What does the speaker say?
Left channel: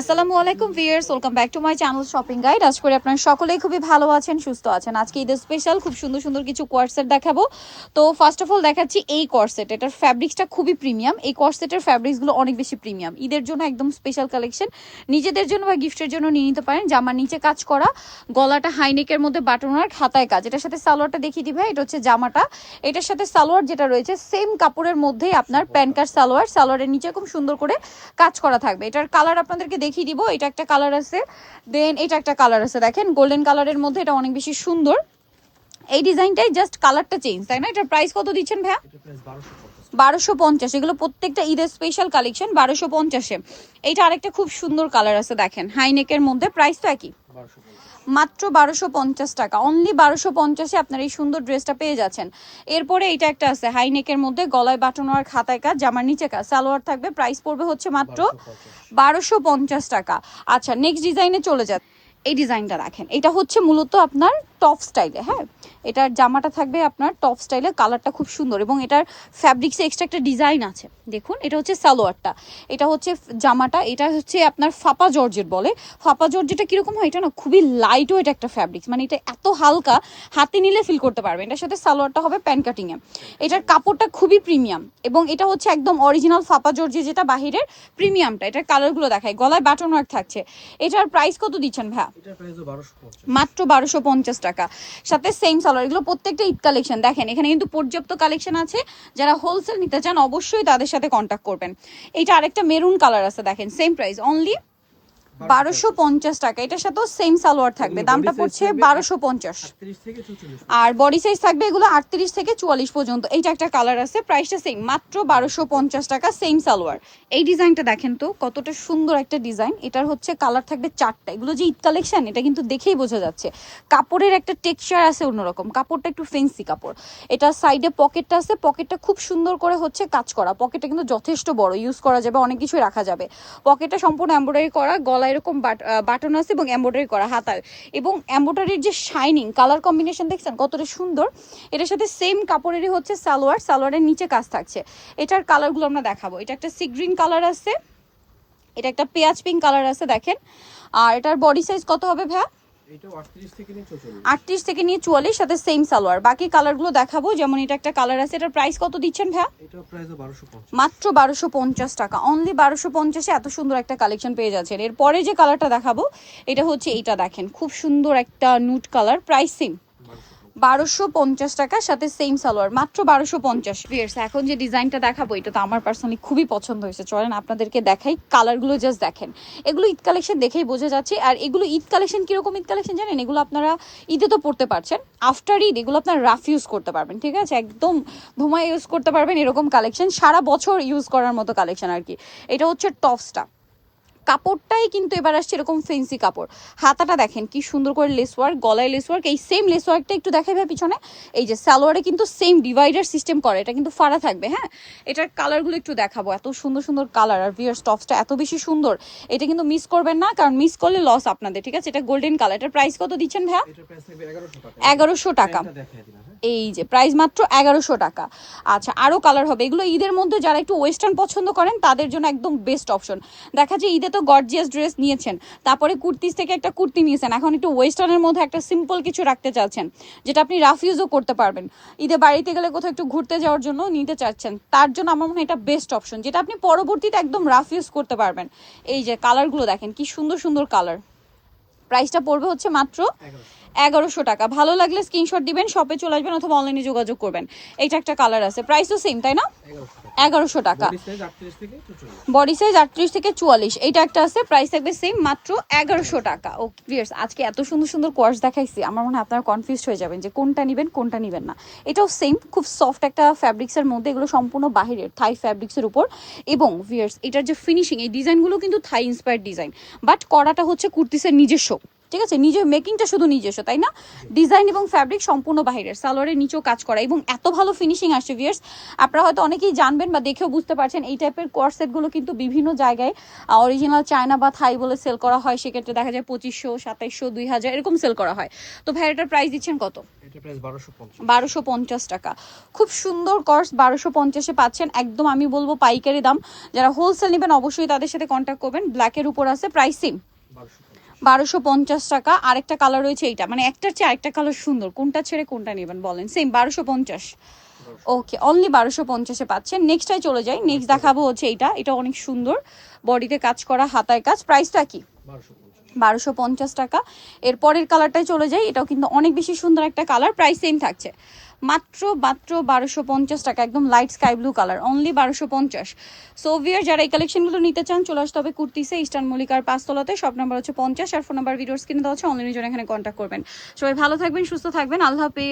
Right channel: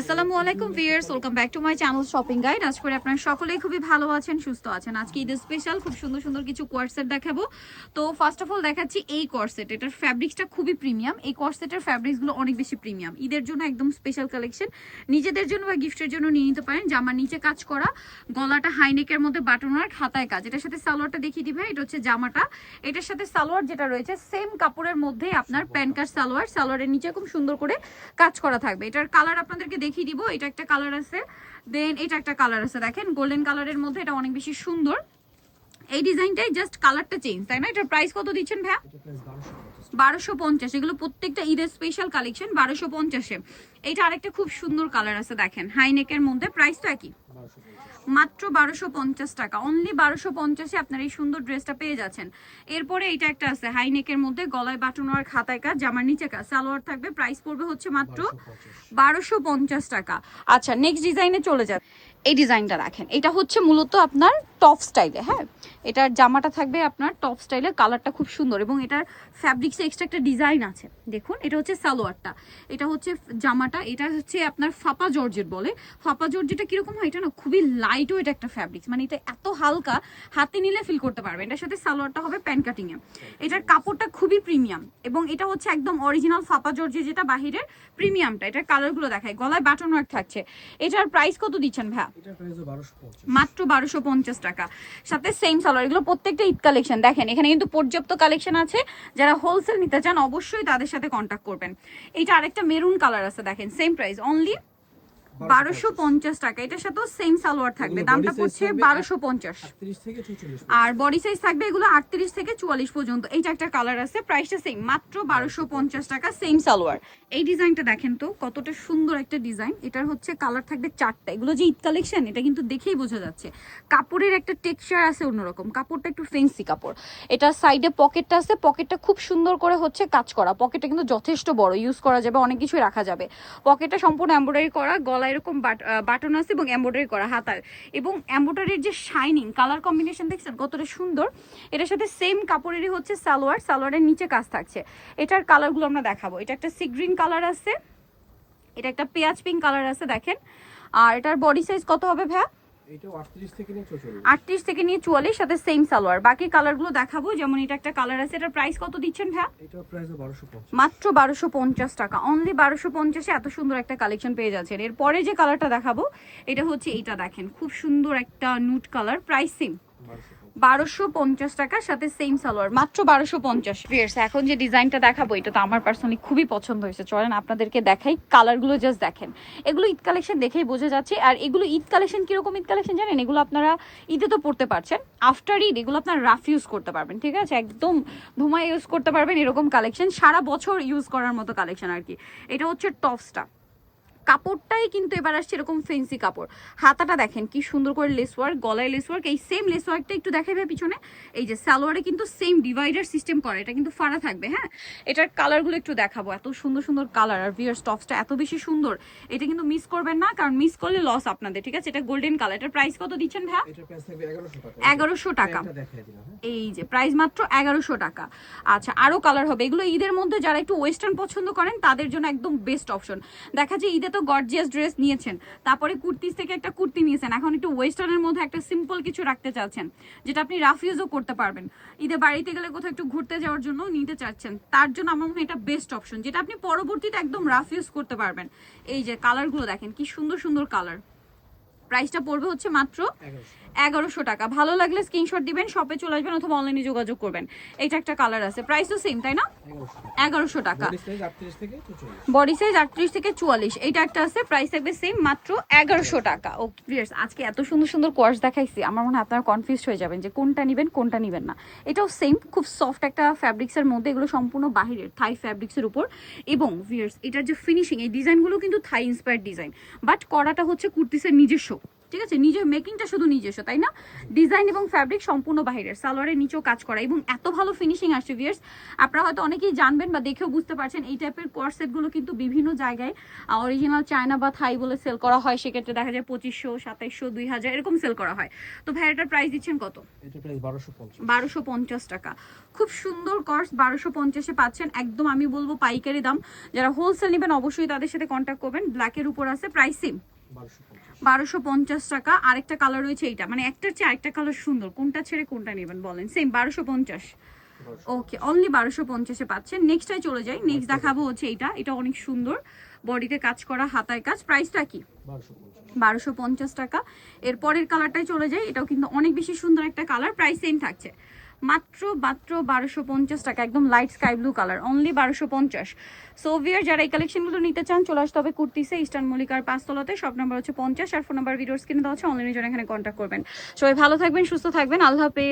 আসসালামু আলাইকুম viewers, welcome back to my channel shopping guide. আশা করি আপনারা সকলেই খুবই ভালো আছেন, সুস্থ আছেন। আজকে ঈদের স্পেশাল খুব সুন্দর সুন্দর কিছু কোয়ার্সেট দেখাবো। তো ফার্স্ট অফ অল দেখাচ্ছি এই কোয়ার্সেট। এটার ফ্যাব্রিক্সটা খুবই প্রিমিয়াম। এই কোয়ার্সেটের ফ্যাব্রিক্সগুলো অনেক বেশি প্রিমিয়াম। ঈদের জন্য একদম স্পেশাল কালেকশন, নিজেদের জন্য বা গিফটের জন্য নিয়ে নিতে পারেন। জামার নিচে কাজ করা, গলাটা হাইনেকের মধ্যে বাটন আর খাতায় কাজ। এটার সাথে সালোয়ারটা দেখিয়ে দিবে। এটা হচ্ছে জামাটা, এটার সাথে সালোয়ার যেটা রয়েছে সেম কাপড়ের মধ্যেই আপনার প্যান্ট কাট সালোয়ার। সালোয়ারের নিচে খুব সুন্দর করে কাজ করা থাকবে। এটার কালার আপনাদেরকে দেখিয়ে দিব। এটা একটা কালার আছে, দেন এটা একটা কালার আছে, দেখেন গোল্ডেন কালারের মধ্যে। এটা অনেক বেশি সুন্দর। এই ডিজাইনটাই জাস্ট কালারটা চেঞ্জ, তাই না? এটার প্রাইস কত দিচ্ছেন ভাইয়া? 1250। এগুলো প্রত্যেকটা ঈদের স্পেশাল কালেকশন 1250-এ। এইটা আরেকটা খুব সুন্দর কালার আছে, দেখেন হাইনেকের মধ্যে। প্রাইসটা কি? মাত্র 1250 টাকা। অনলি 1250-এ আপনার এই সুন্দর ড্রেসটা পেয়ে যাচ্ছেন। এরপরে এটা একটা আছে হাইনেকের মধ্যে, গলায় বাটন আর খাতায় কাজ, জামার নিচে কাজ, সালোয়ার থাকবে। প্রাইস পড়বে হচ্ছে মাত্র 1250 টাকা। আচ্ছা, নেক্সট ডিজাইনে চলে যাবে। এই ডিজাইনটা দেখেন, এটা হচ্ছে মূলত আপনার টপ স্টাইলে। হ্যাঁ, এটার জামাটা থাকবে আপনার টপ স্টাইলে। কালারটা খুব সুন্দর এবং এটার ফ্যাব্রিক্সে এক্সট্রা একটা ডিজাইন আছে। দেখুন, এটা হচ্ছে সালোয়ারটা, এটা হচ্ছে জামাটা। এটা হচ্ছে আপনার ফাপা জর্জেট বলে। ফাপা জর্জেটটা কিরকম হয়? এটা না খুবই লাইট ওয়েট একটা ফ্যাব্রিক্স, মানে এটা এত হালকা, হাতে নিলে ফিল করতে পারবে। এটার সাথে সালোয়ারটা হবে প্যান্ট কাটিংয়ে। এটার কাপড়টা খুবই প্রিমিয়াম এবং এটা হচ্ছে একদম অরিজিনাল ফাপা জর্জেট, যেটা বাহিরের প্রিমিয়ামটা। এটার কালারগুলো দেখায়, গলায় বাটন ওয়ার্ক থাকছে। এটার প্রাইস কত দিচ্ছেন ভাইয়া? মাত্র 1250 টাকা। সাথে সেম সালোয়ার। এগুলো প্রত্যেকটা ঈদ কালেকশন। দেখেন এখানে কিন্তু পর্যাপ্ত কালেকশন আছে। যারা হোলসেল নিতে চান অবশ্যই তাদের সাথে কন্ট্যাক্ট করবেন। এইটা আরেকটা মেরুন কালার আছে, দেখেন সেম প্রাইস, অনলি 1250 টাকা। এটার সাথেও সেম সালোয়ার থাকবে, দামটা পড়ছে 1250। আর বডি সাইজ থাকবে এগুলো 38 থেকে 44 পর্যন্ত। এইটা একটা কালার আছে, প্রাইসটা সেম, মাত্র 1250 টাকা, সেম সালোয়ার। এই ডিজাইনটা দেখেন তো কতটা সুন্দর একটা ডিজাইন। এটার হচ্ছে কালার থাকবে 4টা। এগুলো যে ঈদ কালেকশন, এটা কিন্তু দেখেই বোঝা যাচ্ছে। কাপড়ের একটা টেক্সচার আছে অন্যরকম, কাপড়টা একটু ফেন্সি কাপড়। এটা সাইডে পকেটটা আছে, পকেটটা খুব সুন্দর করে হচ্ছে কাজ করা। পকেটটা কিন্তু যথেষ্ট বড়, ইউজ করা যাবে, অনেক কিছু রাখা যাবে। পকেটটা সম্পূর্ণ এমব্রয়ডারি করা, গলায় এরকম বাটন আছে এবং এমব্রয়ডারি করা হাতায়। এবং এমব্রয়ডারির যে শাইনিং কালার কম্বিনেশন দেখছেন কতটা সুন্দর। এটার সাথে সেম কাপড়েরই হচ্ছে সালোয়ার, সালোয়ারের নিচে কাজ থাকছে। এটার কালারগুলো আমরা দেখাবো। এটা একটা সি গ্রিন কালার আছে, এটা একটা পেঁয়াজ পিঙ্ক কালার আছে, দেখেন। আর এটার বডি সাইজ কত হবে ভাইয়া? 38 থেকে নিয়ে 44, সাথে সেম সালোয়ার। বাকি কালারগুলো দেখাবো, যেমন এটা একটা কালার আছে। এটার প্রাইস কত দিচ্ছেন ভাইয়া? মাত্র 1250 টাকা। অনলি 1250-এ এত সুন্দর একটা কালেকশন পেয়ে যাচ্ছেন। এরপরে যে কালারটা দেখাবো এটা হচ্ছে এইটা, দেখেন খুব সুন্দর একটা নুট কালার। প্রাইস সেম 1250 টাকা, সাথে সেম সালোয়ার, মাত্র 1250। এখন যে ডিজাইনটা দেখাবো এটা তো আমার পার্সোনালি খুবই পছন্দ হয়েছে। চলেন আপনাদেরকে দেখাই, কালারগুলো জাস্ট দেখেন। এগুলো ঈদ কালেকশন দেখেই বোঝা যাচ্ছে। আর এগুলো ঈদ কালেকশন কিরকম ঈদ কালেকশন জানেন? এগুলো আপনারা ঈদে তো পড়তে পারছেন, আফটার ঈদ এগুলো আপনারা রাফ ইউজ করতে পারবেন, ঠিক আছে? একদম ধুমায় ইউজ করতে পারবেন, এরকম কালেকশন সারা বছর ইউজ করার মতো কালেকশন আর কি। এটা হচ্ছে টপসটা, কাপড়টাই কিন্তু এবার আসছে এরকম ফেন্সি কাপড়। হাতাটা দেখেন কি সুন্দর করে লেস ওয়ার্ক, গলায় লেস ওয়ার্ক। এই সেম লেস ওয়ার্কটা একটু দেখাবে পিছনে। এই যে সালোয়ারে কিন্তু সেম ডিভাইডার সিস্টেম করে, এটা কিন্তু ফাড়া থাকবে। হ্যাঁ, এটার কালারগুলো একটু দেখাবো, এত সুন্দর সুন্দর কালার। আর ভিউয়ার্স টপসটা এত বেশি সুন্দর, এটা কিন্তু মিস করবেন না, কারণ মিস করলে লস আপনাদের, ঠিক আছে? এটা গোল্ডেন কালার। এটার প্রাইস কত দিচ্ছেন ভাইয়া? 1100 টাকা। এই যে প্রাইস মাত্র 1100 টাকা। আচ্ছা, আরো কালার হবে। এগুলো ঈদের মধ্যে যারা একটু ওয়েস্টার্ন পছন্দ করেন তাদের জন্য একদম বেস্ট অপশন। দেখা যায় ঈদে তো গর্জিয়াস ড্রেস নিয়েছেন, তারপরে কুর্তিস থেকে একটা কুর্তি নিয়েছেন, এখন একটু ওয়েস্টার্নের মধ্যে একটা সিম্পল কিছু রাখতে চাচ্ছেন, যেটা আপনি রাফ ইউজও করতে পারবেন। ঈদে বাড়িতে গেলে কোথাও একটু ঘুরতে যাওয়ার জন্য নিতে চাচ্ছেন, তার জন্য আমার মনে হয় এটা বেস্ট অপশন, যেটা আপনি পরবর্তীতে একদম রাফ ইউজ করতে পারবেন। এই যে কালারগুলো দেখেন কি সুন্দর সুন্দর কালার। প্রাইসটা পড়বে হচ্ছে মাত্র 1100 টাকা। ভালো লাগলে স্ক্রিনশট দিবেন, শপে চলে আসবেন অথবা অনলাইনে যোগাযোগ করবেন। এইটা একটা কালার আছে, প্রাইসও সেম, তাই না? 1100 টাকা। বডি সাইজ 38 থেকে 44। এইটা একটা আছে, প্রাইস থাকবে সেম, মাত্র 1100 টাকা। ওকে ভিউয়ার্স, আজকে এত সুন্দর সুন্দর কোয়ার্স দেখাইছি, আমার মনে হয় আপনারা কনফিউজড হয়ে যাবেন যে কোনটা নেবেন কোনটা নেবেন না। এটাও সেম, খুব সফট একটা ফ্যাব্রিক্সের মধ্যে। এগুলো সম্পূর্ণ বাহিরের থাই ফ্যাব্রিক্সের উপর। এবং ভিউয়ার্স এটার যে ফিনিশিং, এই ডিজাইনগুলো কিন্তু থাই ইন্সপায়ার্ড ডিজাইন, বাট করাটা হচ্ছে কুর্তিসের নিজস্ব। ঠিক আছে, নিজের মেকিংটা শুধু নিজস্ব, তাই না? ডিজাইন এবং ফ্যাব্রিক সম্পূর্ণ বাইরের, সালোয়ারের নিচেও কাজ করা এবং এত ভালো ফিনিশিং আসছে ভিউয়ার্স। আপনারা হয়তো অনেকেই জানবেন বা দেখেও বুঝতে পারছেন এই টাইপের কোয়ারসেটগুলো কিন্তু বিভিন্ন জায়গায় অরিজিনাল চায়না বা থাই বলে সেল করা হয়, সেক্ষেত্রে দেখা যায় 2500, 2700, 2000 এরকম সেল করা হয়। তো ভাই এটার প্রাইস দিচ্ছেন কত? এটা প্রাইস 1250। 1250 টাকা। খুব সুন্দর কর্স 1250-এ পাচ্ছেন, একদম আমি বলবো পাইকারি দাম। যারা হোলসেল নেবেন অবশ্যই তাদের সাথে কন্ট্যাক্ট করবেন। ব্ল্যাকের উপর আছে, প্রাইস সেম 1250 টাকা। আরেকটা কালার রয়েছে এইটা, মানে একটার চেয়ে আরেকটা কালার সুন্দর, কোনটা ছেড়ে কোনটা নেবেন বলেন? সেম 1250। ওকে, অনলি 1250-এ পাচ্ছেন। নেক্সটটাই চলে যাই, নেক্সট দেখাবো হচ্ছে এইটা, এটা অনেক সুন্দর, বডিতে কাজ করা, হাতায় কাজ, প্রাইসটা কি? 1250 টাকা। এর পরের কালারটাই চলে যাই, এটাও কিন্তু অনেক বেশি সুন্দর একটা কালার, প্রাইস সেম থাকছে মাত্র 1250 টাকা, একদম light sky blue colour, only 1250। So viewer যারা এই কালেকশনগুলো নিতে চান চলে আসতে হবে কুর্তিসে, ইস্টার্ন মল্লিকার 5 তলাতে, শপ নাম্বার হচ্ছে 50 আর ফোন নাম্বার ভিডিওর স্ক্রিনে দেওয়া আছে, অনলাইনের জন্য এখানে কন্ট্যাক্ট করবেন। সবাই ভালো থাকবেন, সুস্থ থাকবেন, আল্লাহ হাফেজ।